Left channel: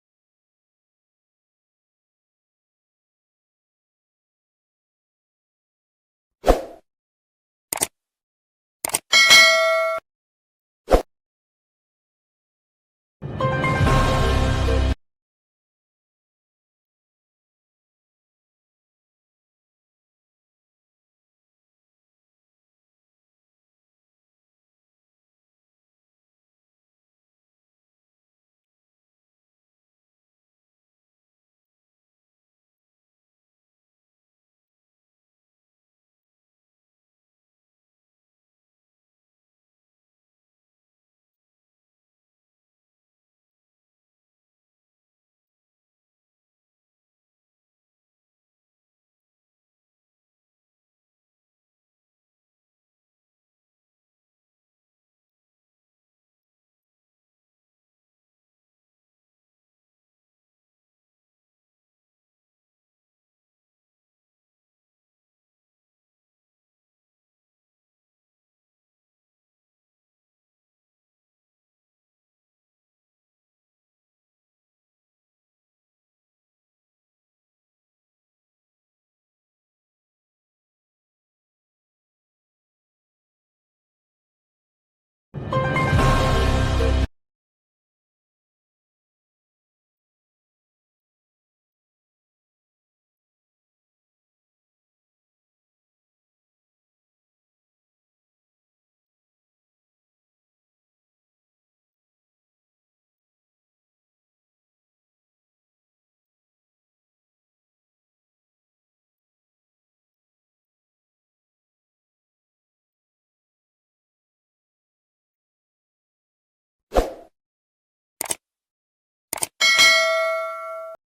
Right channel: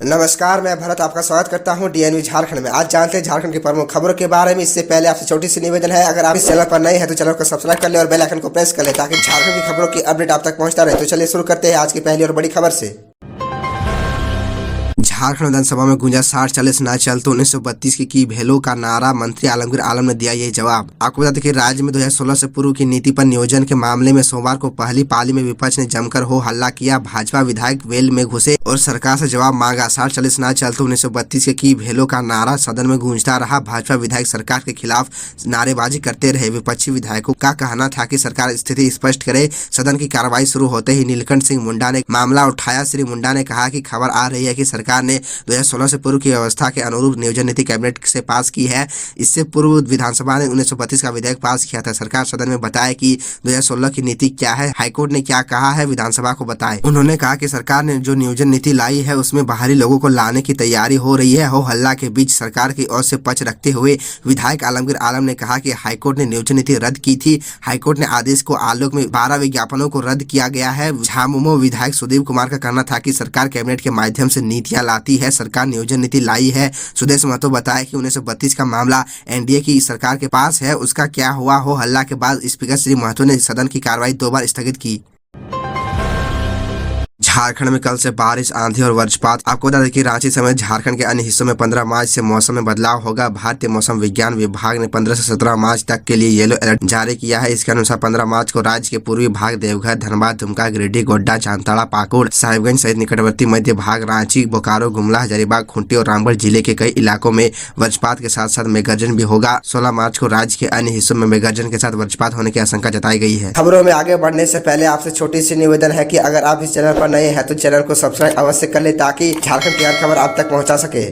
नमस्कार, मैं भरत आपका स्वागत करता हूं डीएनवी झारखंड में। आज जानते हैं झारखंड की प्रमुख खबरों के बारे में। इससे पहले आपसे छोटी सी निवेदन है, अगर आप इस चैनल पर नए हैं तो चैनल को सब्सक्राइब कर ले और बेल आइकन को प्रेस कर ले ताकि झारखंड की खबरों की अपडेट आप तक पहुंचता रहे। तो चलिए शुरू करते हैं आज की पहली और बड़ी खबर से। झारखंड विधानसभा में गूंजा 60-40 ना चल तो 1932 की भेलो का नारा। मंत्री आलमगीर आलम ने दिया ये जवाब। आपको बता दें कि राज्य में 2016 से पूर्व की नीति पर नियोजन के मामले में सोमवार को पहली पाली में विपक्ष ने जमकर हो हल्ला किया। भाजपा विधायक वेल में घुसे और सरकार से जवाब मांगा। 60-40 ना चल तो 1932 की भेलो का नारा सदन में गूंजता रहा। भाजपा विधायक सरकार के खिलाफ नारेबाजी करते रहे। विपक्षी विधायकों का कहना था कि सरकार स्थिति स्पष्ट करे। सदन की कार्रवाई शुरू होते ही नीलकंठ सिंह मुंडा ने मामला उठाया। श्री मुंडा ने कहा कि खबर आ रही है कि सरकार ने 2016 से पूर्व की व्यवस्था के अनुरूप नियोजन नीति कैबिनेट से पास की है। इससे पूर्व विधानसभा ने 1932 का विधेयक पास किया था। सरकार सदन में बताए कि 2016 की नीति क्या है, हाईकोर्ट ने क्या कहा है, विधानसभा को बताए। उन्होंने कहा कि सरकार ने जो नियोजन नीति लाई है उसमें बाहरी लोगों को लाने की तैयारी हो रही है। हो हल्ला के बीच सरकार की ओर से पक्ष रखते हुए विधायक आलमगीर आलम ने कहा कि हाईकोर्ट ने नियोजन नीति रद्द की थी। हाईकोर्ट ने आदेश को आलोक में 12 विज्ञापनों को रद्द किया गया है। झामुमो विधायक सुदीप कुमार का कहना था कि सरकार कैबिनेट के माध्यम से नीतियां लाती है, सरकार नियोजन नीति लाई है। सुदेश महतो बताया कि 1932 का मामला एनडीए की सरकार के पास है, उसका क्या हुआ। हो हल्ला के बाद स्पीकर श्री महतो ने सदन की कार्रवाई 2 बार स्थगित की। झारखंड में कल से बारिश, आंधी और वज्रपात। आपको बता दें कि रांची समेत झारखंड के अन्य हिस्सों में 15 मार्च से मौसम में बदलाव होगा। भारतीय मौसम विज्ञान विभाग ने 15 से 17 मार्च तक के लिए येलो अलर्ट जारी किया है। इसके अनुसार 15 मार्च को राज्य के पूर्वी भाग, देवघर, धनबाद, दुमका, गिरिडीह, गोड्डा, जामताड़ा, पाकुड़, साहिबगंज सहित निकटवर्ती मध्य भाग, रांची, बोकारो, गुमला, हजारीबाग, खूंटी और रामगढ़ जिले के कई इलाकों में वज्रपात के साथ साथ मेघगर्जन भी होगा। 16 मार्च को राज्य के अन्य हिस्सों में मेघगर्जन के साथ वज्रपात होने की आशंका जताई गई है। खबरों में आगे बढ़ने से पहले आपसे छोटी सी निवेदन है कि अगर आप इस चैनल पर नए हैं तो चैनल को सब्सक्राइब अवश्य कर ले ताकि झारखंड की हर खबर आप तक पहुंचा सके।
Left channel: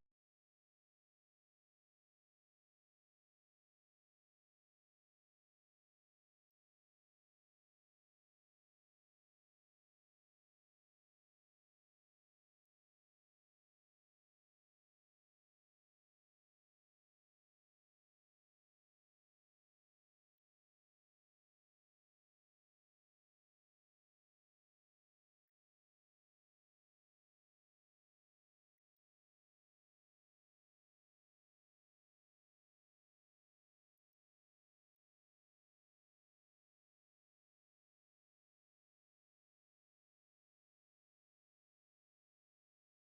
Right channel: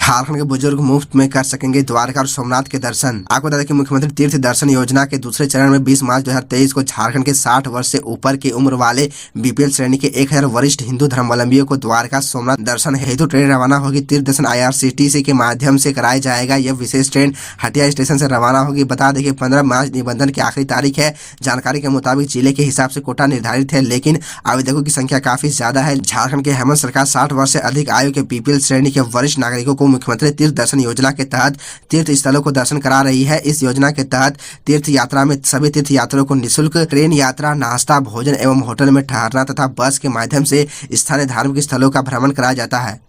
झारखंड के बुजुर्ग मुफ्त में कर सकेंगे द्वारका और सोमनाथ के दर्शन। आपको बता दें कि मुख्यमंत्री तीर्थ दर्शन योजना के दूसरे चरण में 20 मार्च 2023 को झारखंड के 60 वर्ष से ऊपर की उम्र वाले बीपीएल श्रेणी के 1000 वरिष्ठ हिंदू धर्मावलंबियों को द्वारका सोमनाथ दर्शन हेतु ट्रेन रवाना होगी। तीर्थ दर्शन IRCTC के माध्यम से कराया जाएगा। यह विशेष ट्रेन हटिया स्टेशन से रवाना होगी। बता दें कि 15 मार्च निबंधन की आखिरी तारीख है। जानकारी के मुताबिक जिले के हिसाब से कोटा निर्धारित है, लेकिन आवेदकों की संख्या काफी ज्यादा है। झारखंड के हेमंत सरकार 60 वर्ष से अधिक आयु के बीपीएल श्रेणी के वरिष्ठ नागरिकों को मुख्यमंत्री तीर्थ दर्शन योजना के तहत तीर्थ स्थलों को दर्शन करा रही है। इस योजना के तहत तीर्थ यात्रा में सभी तीर्थ यात्रियों को निःशुल्क ट्रेन यात्रा, नाश्ता, भोजन एवं होटल में ठहरना तथा बस के माध्यम से स्थानीय धार्मिक स्थलों का भ्रमण कराया जाता है।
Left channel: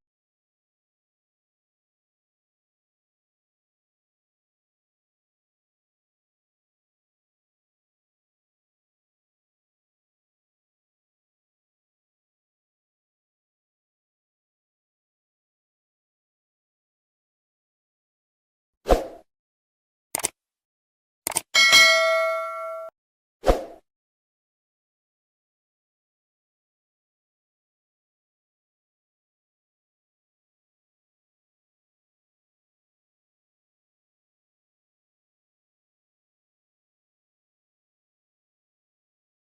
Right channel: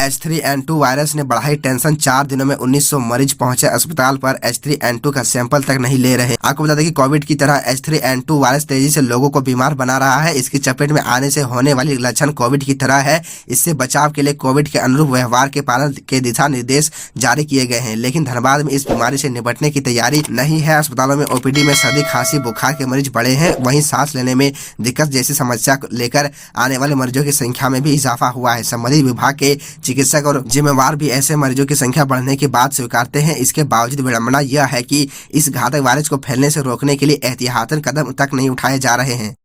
H3N2 वायरस ने बढ़ाई टेंशन। 4 दिनों में 1900 मरीज पहुंचे अस्पताल पर। H3N2 का सैंपल तक नहीं ले रहे। आपको बता दें कि कोविड की तरह H3N2 वायरस तेजी से लोगों को बीमार बना रहा है। इसकी चपेट में आने से होने वाली लक्षण कोविड की तरह है। इससे बचाव के लिए कोविड के अनुरूप व्यवहार के पालन के दिशा निर्देश जारी किए गए हैं, लेकिन धनबाद में इस बीमारी से निपटने की तैयारी नहीं है। अस्पतालों में OPD में सर्दी, खांसी, बुखार के मरीज बढ़े हैं। वहीं सांस लेने में दिक्कत जैसी समस्या लेकर आने वाले मरीजों की संख्या में भी इजाफा हुआ है। संबंधित विभाग के चिकित्सक और जिम्मेवार भी ऐसे मरीजों की संख्या बढ़ने की बात स्वीकारते हैं। इसके बावजूद विडंबना यह है कि इस घातक वायरस को फैलने से रोकने के लिए एहतियातन कदम तक नहीं उठाए जा रहे हैं।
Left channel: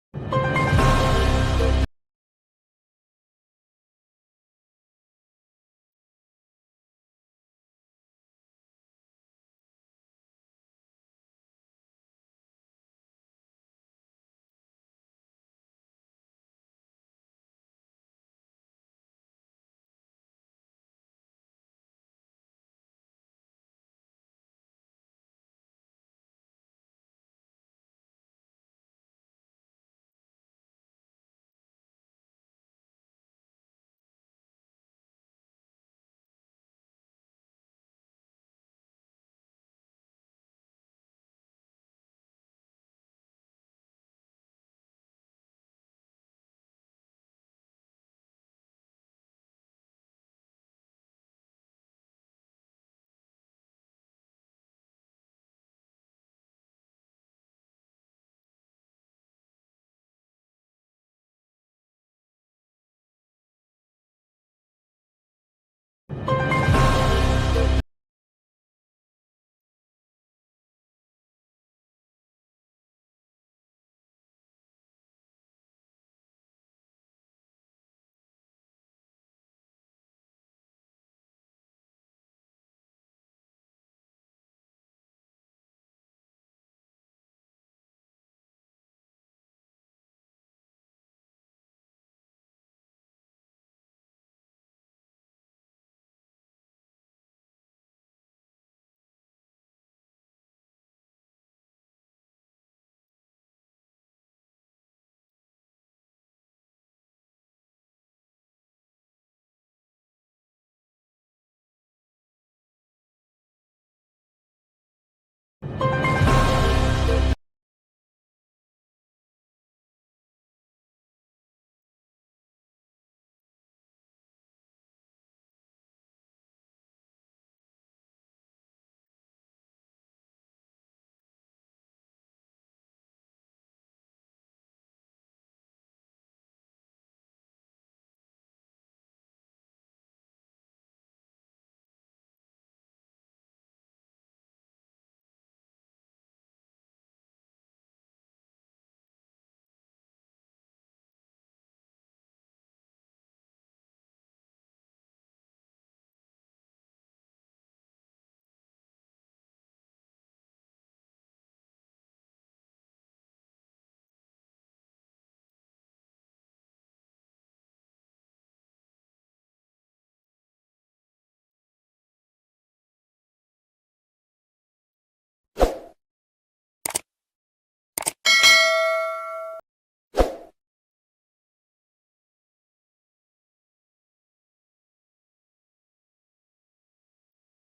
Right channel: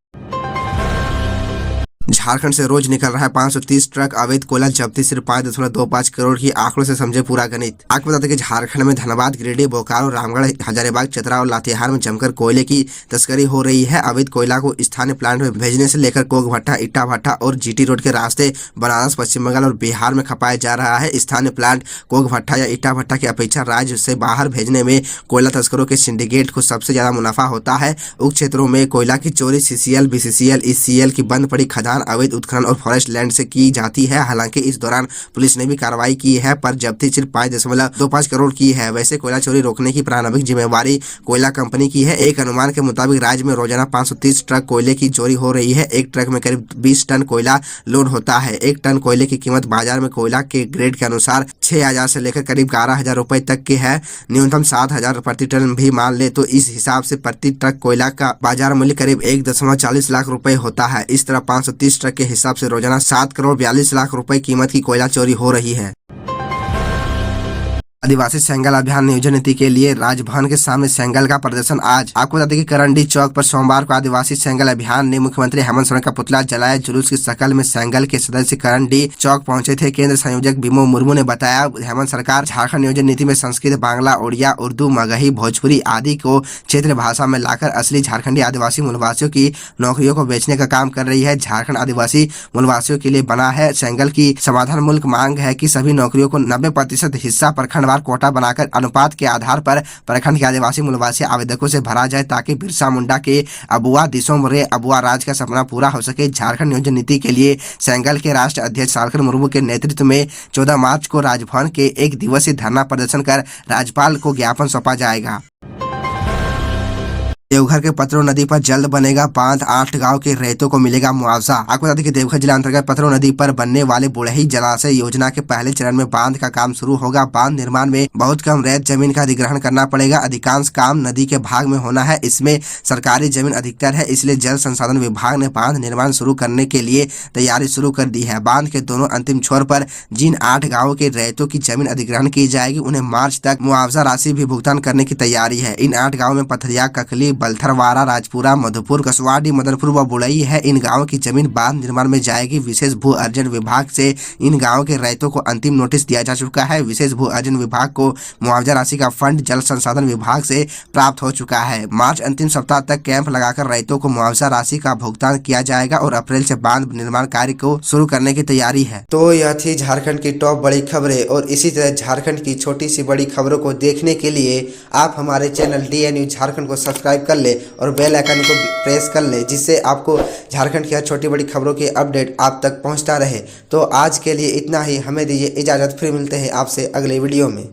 झारखंड से रोज निकल रहा है 530 ट्रक अवैध कोयला जब्ती। सिर्फ 5.25 करोड़ की आंकड़ों से समझे पूरा गणित। आपको बताते हैं कि झारखंड में धनबाद, गिरिडीह, बोकारो, रामगढ़, हजारीबाग, चतरा और लातेहार में जमकर कोयले की तस्करी हो रही है। अवैध कोयला को स्थानीय प्लांट में भेजने से लेकर कोक भट्टा, इट्टा भट्टा और GT रोड के रास्ते बनारस, पश्चिम बंगाल और बिहार में खपाया जा रहा है। स्थानीय प्लांट कोक भट्टा या इट्टा भट्टा की अपेक्षा राज्य से बाहर भेजने में कोयला तस्करों के सिंडिकेट को सबसे ज्यादा मुनाफा होता है। उक्त क्षेत्रों में कोयला की चोरी CCL, BCCL, ECL की बंद पड़ी खदान, अवैध उत्खनन और फॉरेस्ट लैंड से की जाती है। हालांकि इस दौरान पुलिस ने भी कार्रवाई की है, पर जब्ती सिर्फ 5.25 करोड़ की है। वैसे कोयला चोरी रोकने की प्रारंभिक जिम्मेवारी कोयला कंपनी की है। एक अनुमान के मुताबिक राज्य में रोजाना 530 ट्रक कोयले की चोरी हो रही है। एक ट्रक में करीब 20 टन कोयला लोड होता है। एक टन कोयले की कीमत बाजार में कोयला के ग्रेड के अनुसार 6000 से लेकर करीब 11000 रुपए तक की है। न्यूनतम 7000 प्रति टन भी मान ले तो इस हिसाब से प्रति ट्रक कोयला का बाजार मूल्य करीब 1.40 लाख रुपए होता है। इस तरह 530 ट्रक के हिसाब से रोजाना 7 करोड़ 42 लाख रुपए कीमत की कोयला चोरी हो रही है। आदिवासी सेंगल अभियान नियोजन नीति के लिए राजभवन के सामने सेंगल का प्रदर्शन आज। आपको बता दें कि करंडी चौक पर सोमवार को आदिवासी सेंगल अभियान ने मुख्यमंत्री हेमंत सोरेन का पुतला जलाया। जुलूस की शक्ल में सेंगल के सदस्य करंडी चौक पहुंचे थे। केंद्र संयोजक बिमो मुर्मू ने बताया, हेमंत सरकार झारखंड नियोजन नीति में संस्कृत, बांग्ला, उड़िया, उर्दू, मगही, भोजपुरी आदि को क्षेत्रीय भाषा में लाकर असली झारखंडी आदिवासी मूलवासियों की नौकरियों को बेचने का काम कर रही है। झारखंड आदिवासी मूलवासियों के लिए बना है। सेंगल की समाधान मूलक मांग है कि सभी नौकरियों को 90% हिस्सा प्रखंडवार कोटा बनाकर अनुपात के आधार पर प्रखंड के आदिवासी मूलवासी आवेदकों से भरा जाए, ताकि बिरसा मुंडा के अबुआ दिसोम रे अबुआ राज का सपना पूरा हो सके। झारखंड नियोजन नीति के लिए सेंगल के राष्ट्रीय अध्यक्ष सालखन मुर्मू के नेतृत्व में 14 मार्च को राजभवन के 1 दिवसीय धरना प्रदर्शन कर राज्यपाल को ज्ञापन सौंपा जाएगा। देवघर के पतरो नदी पर जल्द बनेगा बांध, 8 गांव के रैयतों को मिलेगा मुआवजा। आपको बता दें कि देवघर जिला अंतर्गत पतरो नदी पर बनने वाले बुढ़ही जलाशय योजना के पहले चरण में बांध का काम शुरू होगा। बांध निर्माण में बहुत कम रैयत जमीन का अधिग्रहण करना पड़ेगा। अधिकांश काम नदी के भाग में होना है। इसमें सरकारी जमीन अधिकतर है, इसलिए जल संसाधन विभाग ने बांध निर्माण शुरू करने के लिए तैयारी शुरू कर दी है। बांध के दोनों अंतिम छोर पर जिन 8 गाँवों के रैयतों की जमीन अधिग्रहण की जाएगी, उन्हें मार्च तक मुआवजा राशि भी भुगतान करने की तैयारी है। इन 8 गाँव में पथरिया, ककली, बलथरवारा, राजपुरा, मधुपुर, कसवाड़ी, मदनपुर व बुड़ई है। इन गांवों की जमीन बांध निर्माण में जाएगी। विशेष भू अर्जन विभाग से इन गांवों के रैयतों को अंतिम नोटिस दिया जा चुका है। विशेष भू अर्जन विभाग को मुआवजा राशि का फंड जल संसाधन विभाग से प्राप्त हो चुका है। मार्च अंतिम सप्ताह तक कैंप लगाकर रैयतों को मुआवजा राशि का भुगतान किया जाएगा और अप्रैल से बांध निर्माण कार्य को शुरू करने की तैयारी है। तो यह थी झारखंड की टॉप बड़ी खबरें, और इसी तरह झारखंड की छोटी सी बड़ी खबरों को देखने के लिए आप हमारे चैनल DN न्यूज झारखंड को सब्सक्राइब कर ले और बेल आइकन को प्रेस कर ले, जिससे आपको झारखंड की हर छोटी बड़ी खबरों की अपडेट आप तक पहुंचता रहे। तो आज के लिए इतना ही, हमें दीजिए इजाज़त, फिर मिलते हैं आपसे अगले वीडियो में।